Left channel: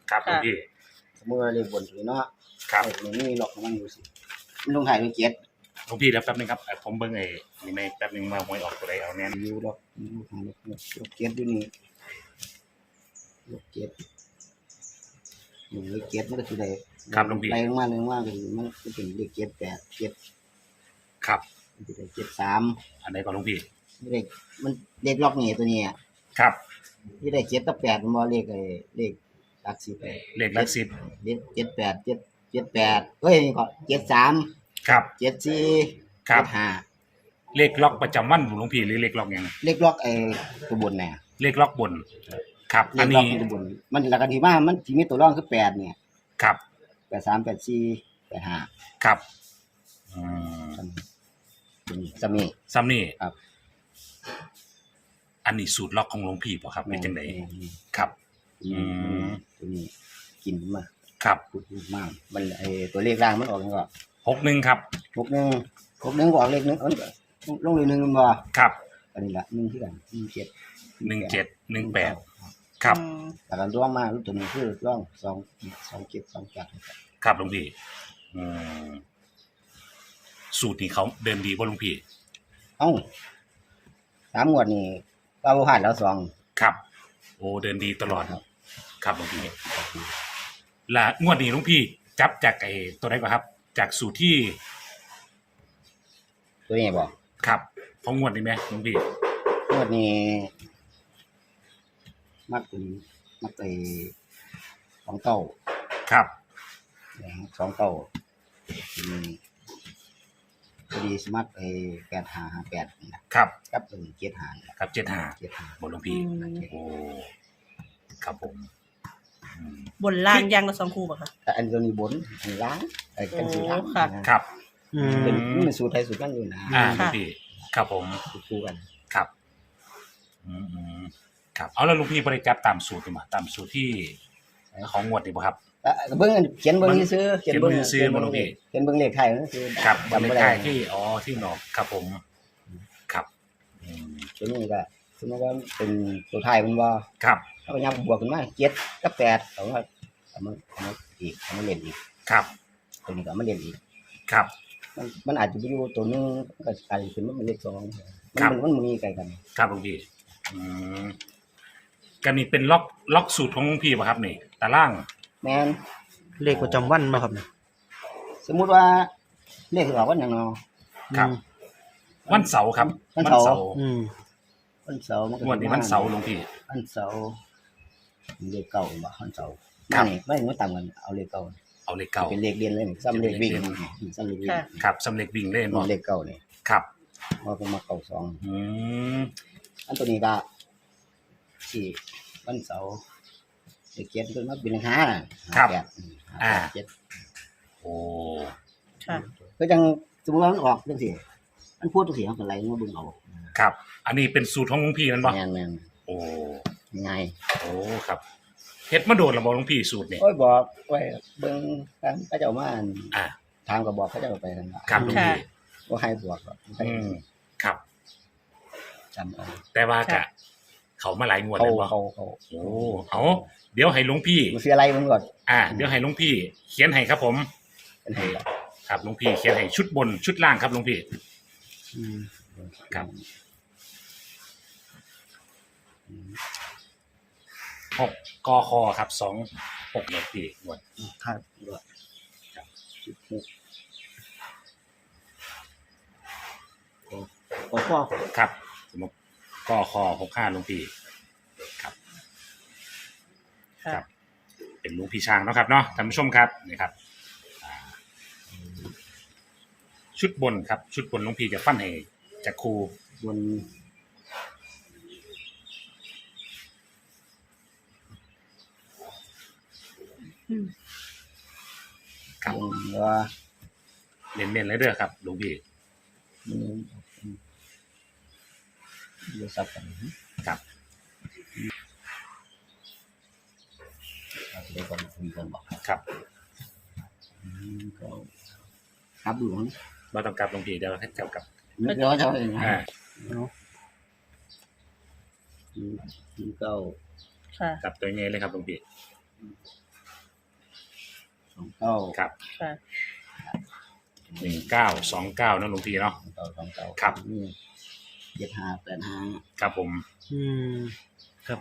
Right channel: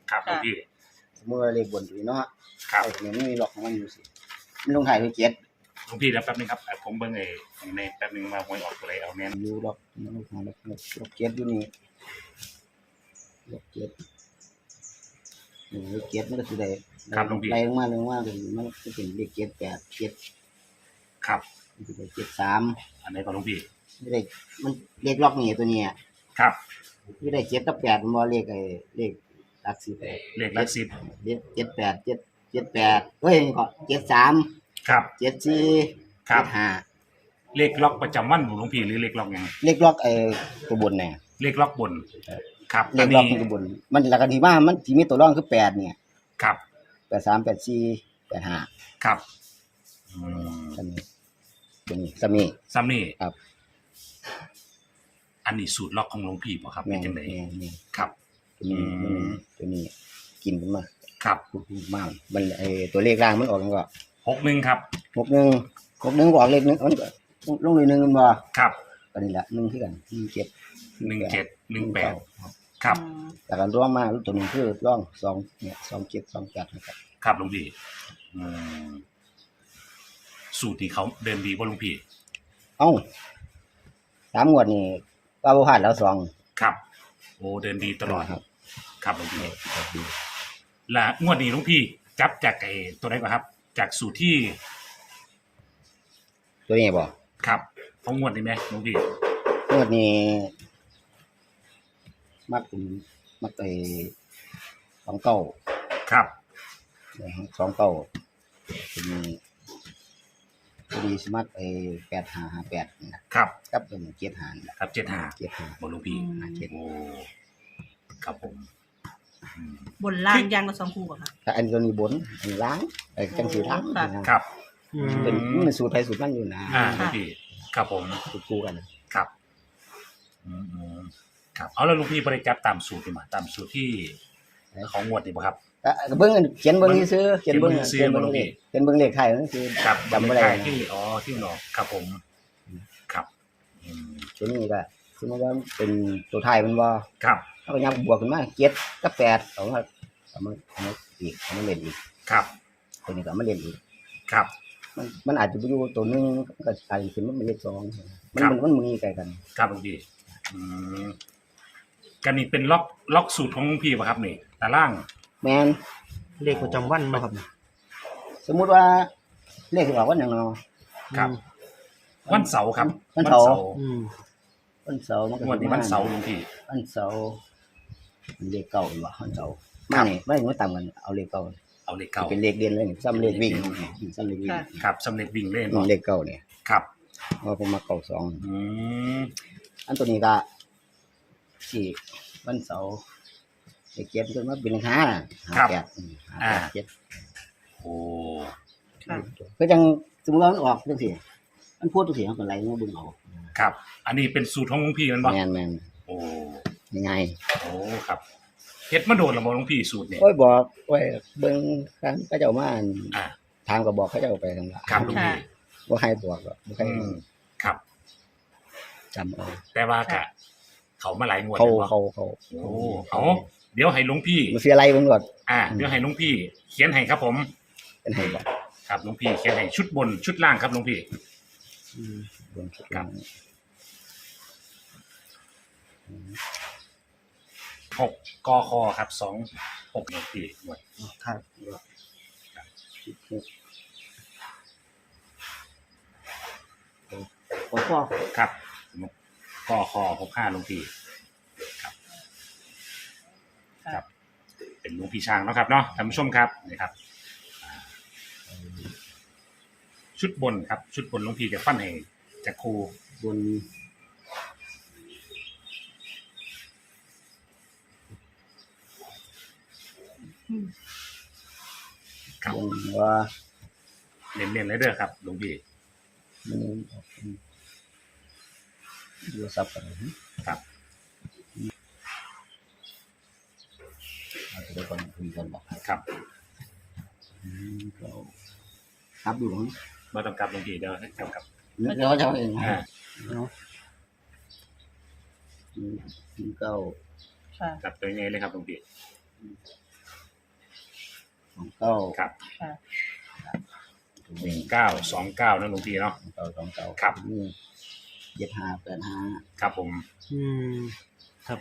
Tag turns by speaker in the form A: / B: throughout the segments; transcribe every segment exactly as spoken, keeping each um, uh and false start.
A: ครับหลวงพี่
B: สมมติว่าเลขบนตัวนี้เนาะ
A: ครับ
B: ไอ้ตัวนี้มีหลอกของมันอยู่สิมันลงถ่ายด้วยเจ็ด
A: หลวงพี่เดี๋ยวแป๊บนึงครับผมเบิ่งไอ้นี่ในแป๊บนึงมาหวยออกตัวใดเอาแน่น
B: อยู่หลอกลงถ่ายหลอกหลอกเจ็ดอยู่นี่หลอกเจ็ดนี่เลขเจ็ดมันก็คือได้ไล่ลงมาลงมาก็คือมันจะเป็นเลขเจ็ดแปดเจ็ด
A: ครับ
B: มันจะได้เจ็ดสาม
A: อันไหนก่อนหลวงพี่
B: ไม่ได้มันเลขล็อกนี่ตัวนี้
A: ครับ
B: ไม่ได้เจ็ดกับแปดมันบ่เลขไอ้เลขหลักสิบ
A: เลขหลักสิบ
B: เลขเจ็ดแปดเจ็ดเจ็ดแปดเฮ้ยก็เจ็ดสาม
A: ครับ
B: เจ็ดสี่เจ็ดห้า
A: เลขล็อกประจำวันหลวงพี่หรือเลขล็อกยัง
B: เลขล็อกไอ้ตัวบนเนี่ย
A: เลขล็อกบนครับ
B: เลขล็อกตัวบนมันหลักกันที่ว่ามันที่มีตัวร่องคือแปดเนี่ย
A: ครับ
B: แปดสามแปดสี่แปดห้า
A: ครับอืม
B: ซัมนี่ตัวนี้ซัมนี่
A: ซัมนี่
B: ครับ
A: อันนี้สูตรล็อกของหลวงพี่ป่ะครับเป็นจังได๋ครับ
B: ตัวนี้ตัวนี้กินมันมา
A: ครับ
B: มากมันไอ้ตัวเลขล่างมันออกก็
A: หกหนึ่งครับ
B: หกหนึ่งหกหนึ่งก็ออกเลขหนึ่งลงเลยหนึ่งมันบ่
A: ครับ
B: อันนี้แหละหนึ่งที่กันหนึ่งเจ็ด
A: หนึ่งเจ็ดหนึ่งแปดครับ
B: แต่การร่องมาตัวนี้คือร่องสองเนี่ยสองเจ็ดสองแปดนะครับ
A: ครับหลวงพี่อืมสูตรนี้เขาเดินดีป่ะหลวงพี่
B: เอ้าสามงวดนี่ป้าบ่พลาดแล้วสอง
A: ครับโอ้เดินดีตลอดครับครับหลวงพี่และงวดนี้หลวงพี่จับจากไอ้ตัวไหนก่อนครับจากสูตรที่
B: ตัวนี้บ่
A: ครับของงวดนี้ไหมหลวงพี่
B: งวดนี้มักมักไอ้สองเก้า
A: ครับ
B: สองเก้าทีนี้พอดีสมัครไอ้แปดห้าห้าแปดนี่นะครับกับเป็นเจ็ดห้า
A: ครับเจ็ดห้า
B: เจ็ดห้า
A: บนหลวงพี่โอ้ครับผม
C: บนล่างยังละสองคู่ป่ะคะ
B: แต่อันตัวนี้บนอันล่างไอ้กันสีล่าง
A: ครับ
B: เป็นมันสูตรไทยสูตรนั่นอยู่นะ
A: อ่าหลวงพี่ครับผม
B: สูตรคู่กัน
A: ครับอืมครับเอาแล้วหลวงพี่บริจาคตามสูตรดีมั้ยตามสูตรที่ของงวดนี่ป่ะครับ
B: เบิ่งเขียนเบิ่งซื้อ
A: เขียนเบิ่งซื้อบ่หลวงพี่
B: เขียนเบิ่งเลขไทยนั่นคือ
A: ครับจำบ่ได้ที่อ๋อที่หนอกครับผมครับอืม
B: ตัวนี้ก็สมมุติว่าเป็นตัวไทยมันบ่
A: ครับ
B: เฮาก็ยังบวกขึ้นมาเจ็ดกับแปดเอามาเอามาเอามาอีกเอามาเล่นอีก
A: ครับ
B: ตัวนี้ก็มาเล่นอีก
A: ครับ
B: มันมันอาจจะไปอยู่ตัวนึงก็อาจจะขึ้นมาเป็นเลขสองมันมันมีใกล้กัน
A: ครับหลวงพี่อืมกันนี่เป็นล็อกล็อกสูตรของหลวงพี่ป่ะครับนี่ตาราง
B: แม่น
D: เลขประจำวันบ่ครับ
B: สมมุติว่าเลขออกวันหยังเนาะ
A: ครับวันเสาร์ครับ
B: วันเสาร์
D: อืม
B: วันเสาร์มันก็
A: วันนี้วันเสาร์หลวงพี่
B: วันเสาร์เลขเก่าบ่วันเสาร์มานี่มานี่มาตามกันเอาเลขเก่า
A: เอาเลขเก่า
B: เป็นเลขเรียนเลยซ้ำเลขวิ่งซ้ำเลขวิ่ง
A: ครับซ้ำเลขวิ่งเลย
B: บ่เลขเก่านี่
A: ครับ
B: ว่าผมมาเก่าสอง
A: อืม
B: อันตัวนี้ก็ที่วันเสาร์เลขเจ็ดขึ้นมาเป็นเลขห้าห้าแปด
A: อ่า
B: เจ็ด
A: โอ้
B: คือจังสมมุติว่ามันออกจังซี่มันพูดจังซี่เฮาก็ไล่มาเบิ่งเอา
A: ครับอันนี้เป็นสูตรของหลวงพี่นั่นบ่
B: แม่น
A: ๆโอ้
B: ยังไง
A: โอ้ครับเฮ็ดมาโดนแล้วบ่หลวงพี่สูตรนี่
B: โอ้ยบอกไว้เบิ่งคันเขาเจ้ามา
A: อ่า
B: ทางก็บอกเขาเจ้าไปนั่นล่ะ
A: ครับหลวงพี่
B: บ่ให้บอกหรอกบ่ให้
A: ครับ
B: จำเอา
A: แต่ว่าก็เขามาหลายงวด
B: แล้วบ่เขาเขา
A: โอ้เอาเดี๋ยวให้หลวงพี่
B: มันสิอะไรเบิ่งก่อน
A: อ่าเดี๋ยวให้หลวงพี่เขียนให้ครับผม
B: เป็นให้บ่
A: ครับหลวงพี่เขียนให้ชุดบนชุดล่างครับหลวงพี่
B: อืม
A: ครับหกกคครับสองหกหลวงพี่งวด
B: ครับครับสิบหกโอ้พ่อ
A: ครับสมมุติกคหกห้าหลวงพี่ครับครับเป็นหลวงพี่ช้างเนาะครับเนาะท่านผู้ชมครับนี่ครับชุดบนครับชุดบนหลวงพี่จะฟันให้จากครู
B: บน
A: ครับ
B: ว่า
A: เน้นๆเลยเด้อครับหลวงพี่
B: ดูซับกัน
A: ครับ
B: เอาไปก่อนคุยกันบอก
A: ครับ
B: ก็ครับดูมั้ง
A: บ่ต้องกลับหลวงพี่เดี๋ยวให้กลับกลับ
B: นึกแล้วเจ้าเองเนาะเก้า
C: ค่ะ
A: กลับตัวนี้เลยครับหลวงพี่
B: สองเก้า
A: ครับ
C: ค่ะ
A: หนึ่งเก้าสองเก้านะหลวงพี่เนาะ
B: สองเก้าสองเก้า
A: ครับ
B: นี่เจ็ดห้าแปดห้า
A: ครับผม
D: อืมครับ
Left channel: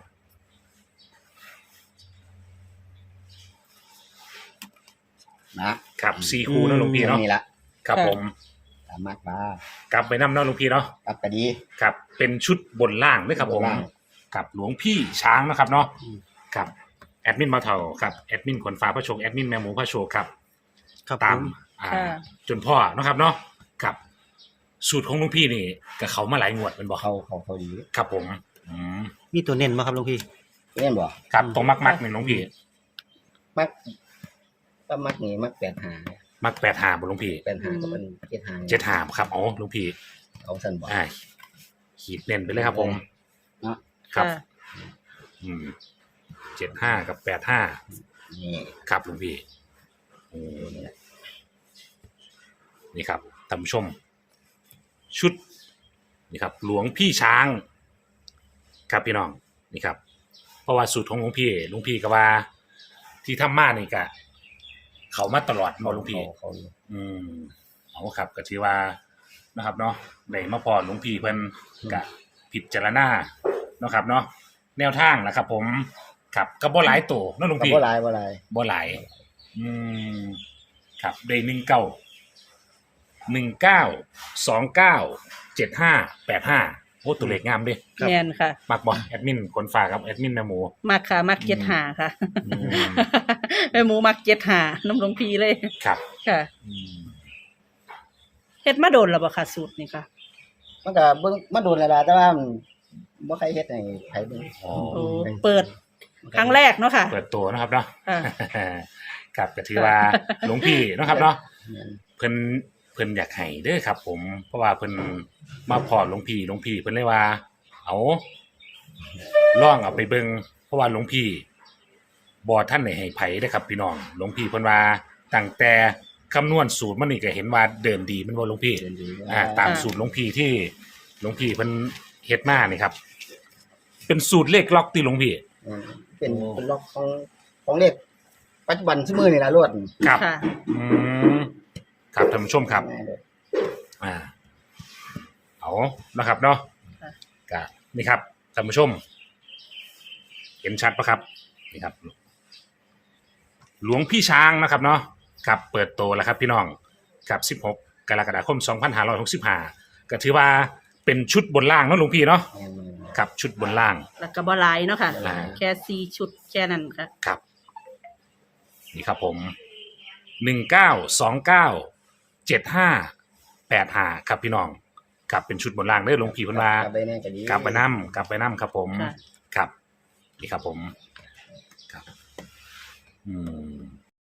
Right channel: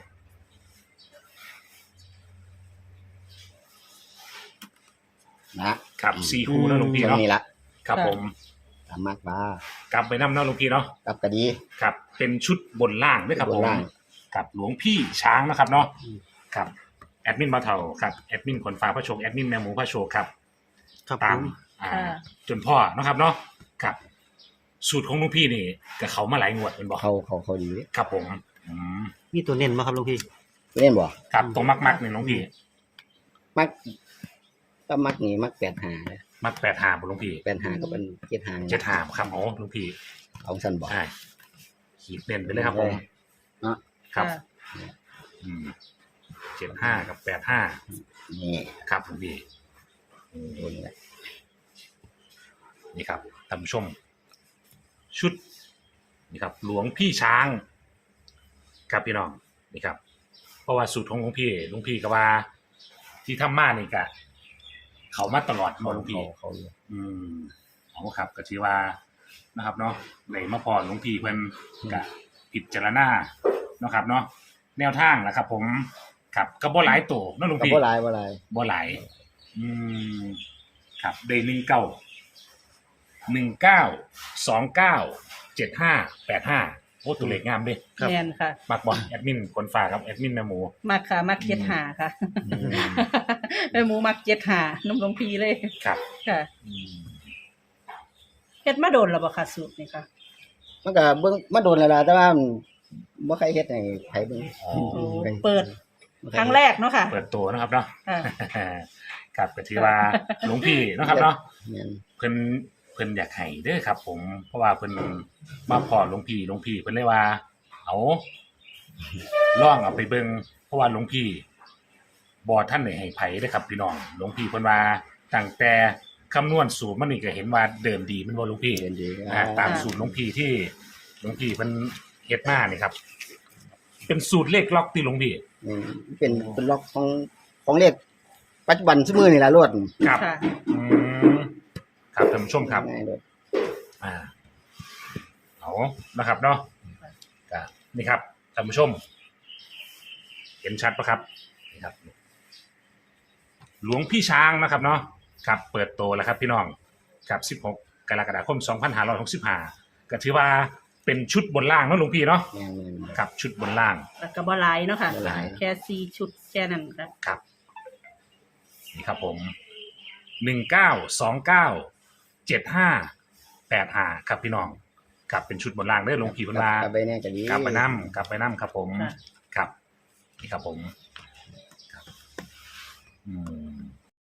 B: นะครับ
A: สี่คู่นะหลวงพี่
B: ตรง
A: เนาะ
B: นี้ละ
A: ครับผม
B: ตามมากบ้าก
A: ลับไปน้ำเนาะหลวงพี่เนาะ
B: กับกระดี
A: ครับเป็นชุดบนล่างด้วยครับผม
B: บนล่าง
A: กับหลวงพี่ช้างนะครับเนาะ
B: อืม
A: ครับแอดมินมาเถาครับแอดมินขนฟ้าพระโชคแอดมินแมหมูพระโชคครับ
D: ครับ
A: ตา
D: ผม ม
A: อ่า
C: ค่ะ
A: จนพ่อนะครับเนาะครับสูตรของหลวงพี่นี่กับเขามาหลายงวดเป็นบอก
B: เขาเขาเขาดี
A: ครับผมอืม
D: มีตัวเน้นมาครับหลวงพี่
B: เล่นบ่
A: ครับตรงมักมักๆนี่หลวงพี่
B: มักก็มักนี่มักแปดหาเนี่ย
A: มักแปดหาบหลวงพี่
B: แปดหาก็เป็นเจ็ดหา
A: เจ็ดหาครับอ๋อหลวงพี่
B: เอาสั้นบ่
A: อ่าขีดเน้นไปเลยครับผม
B: เนาะ
A: ครับ
C: ค่ะ
A: อืมเจ็ดห้ากับแปดห้า
B: นี่
A: ครับหลวงพี่โอ้
B: ตัวนี้แหละ
A: นี่ครับท่านผู้ชม ชุดนี่ครับ หลวงพี่ช้าง ครับพี่น้องนี่ครับ เพราะว่าสูตรของหลวงพี่หลวงพี่ก็ว่า ที่ทำมานี่กะ เขามาตลอดมา
B: เขา
A: หลวงพี่
B: เขาเขาอยู่
A: อืมเอาครับก็ถือว่านะครับเนาะได้มาพอหลวงพี่เพิ่นกะผิดจารณาเนาะครับเนาะแนวทางนะครับ ผมครับก็บ่หลายตัวเนาะหลวง
B: ก็
A: พี่
B: บ่หลายบ่หลาย
A: บ่หลายอืมครับได้หนึ่งเก้าหนึ่งเก้าสองเก้าเจ็ดห้าแปดห้าโอ้ตัวเลขงามเด้
D: ครับ
C: แม่นค่ะ
A: มักบ่แอดมินคนฝากครับแอดมินแม่หมู
C: มักค่ะ มักเจ็ดหาค่ะ
A: อืม
C: ไอ้หมูมักเจ็ดหาน้ำหลวงพีเลย
A: ครับ
C: ค่ะ
A: อืม
C: เฮ็ดมาโดนแล้วบ่ค่ะสูตรนี่ค่ะ
B: มันก็เบิ่งมาโดนแล้วล่ะแต่ว่ามันบ่ใครเฮ็ดให้ไผเบิ่ง
A: อ๋อ
C: โอ้เปิดครั้งแรกเนาะค่ะ
A: เปิดตัวนะครับเนาะ
C: ค่ะ
A: ครับก็ถือว่าหลวงพี่เนาะครับเนาะ
B: แม่น
A: เพิ่นเพิ่นอยากให้เด้อครับ ผมเพราะว่าเพิ่นมาพอหลวงพี่หลวงพี่เพิ่นเลยว่า เอาล่องเอาไปเบิ่งเพราะว่าหลวงพี่บ่ท่านได้ให้ไผเด้อครับพี่น้องหลวงพี่เพิ่นว่าตั้งแต่คำนวณสูตรมันนี่ก็เห็นว่าเดินดีแมันบ่หลวงพี่
B: เรียนดี
A: อ่าตามสูตรหลวงพี่ที่หลวงพี่เพิ่นเฮ็ดมานี่ครับ เป็นสูตรเลขล็อกที่หลวงพี่
B: อืมเป็นเป็นล็อกของของเลขปัจจุบันซุมื้อนี่ล่ะรวด
A: ครับ
C: ค่ะ
A: อืมครับท่านผู้ชมครับ
B: ง่ายเลย
A: อ่าเอานะครับเนาะ
C: ค่ะ
A: ก็นี่ครับท่านผู้ชม เห็นชัดปะครับนี่ครับ หลวงพี่ช้างนะครับเนาะครับเปิดตัวแล้วครับพี่น้องครับสิบหกกรกฎาคมสองพันห้าร้อยหกสิบห้าก็ถือว่าเป็นชุดบนล่างเนาะหลวงพี่เนาะ
B: แม่นๆ
A: ครับชุดบนล่าง
C: แล้วก็บ่หลายเนาะค่ะ
B: บ่หลาย
C: แค่สี่ชุดแค่นั้นค่ะ
A: ครับ นี่ครับผมหนึ่งเก้าสองเก้าเจ็ดห้าแปดห้าครับพี่น้องครับเป็นชุดบนล่างเด้อหลวงพี่เพันลาก
B: ลับไปแน่ก็ดี
A: กลับไปนั่กลับไปนั่ครับผม
C: ค่ะ
A: ครับนี่ครับผม ครับ อืม